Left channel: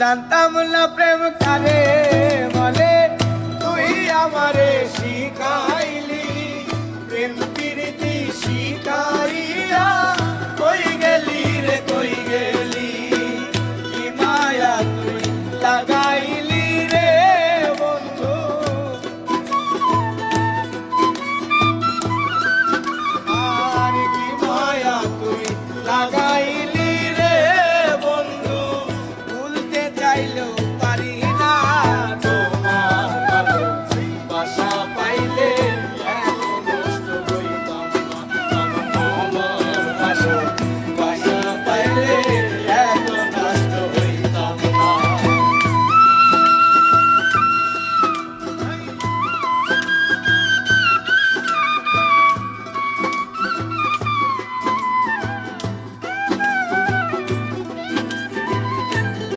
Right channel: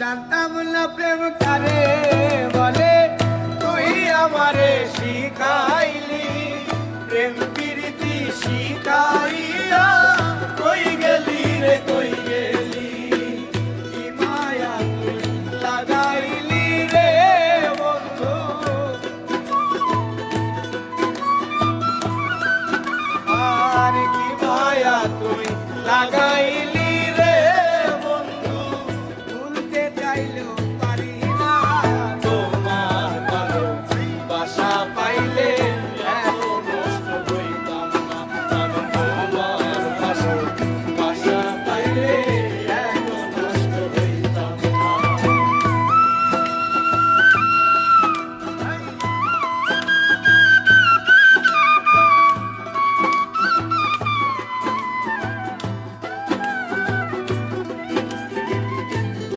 জানতাম না প্রেম কারে বলে, তুই আমারে শিখাইলি, প্রেম প্রীতি শিখাইলি।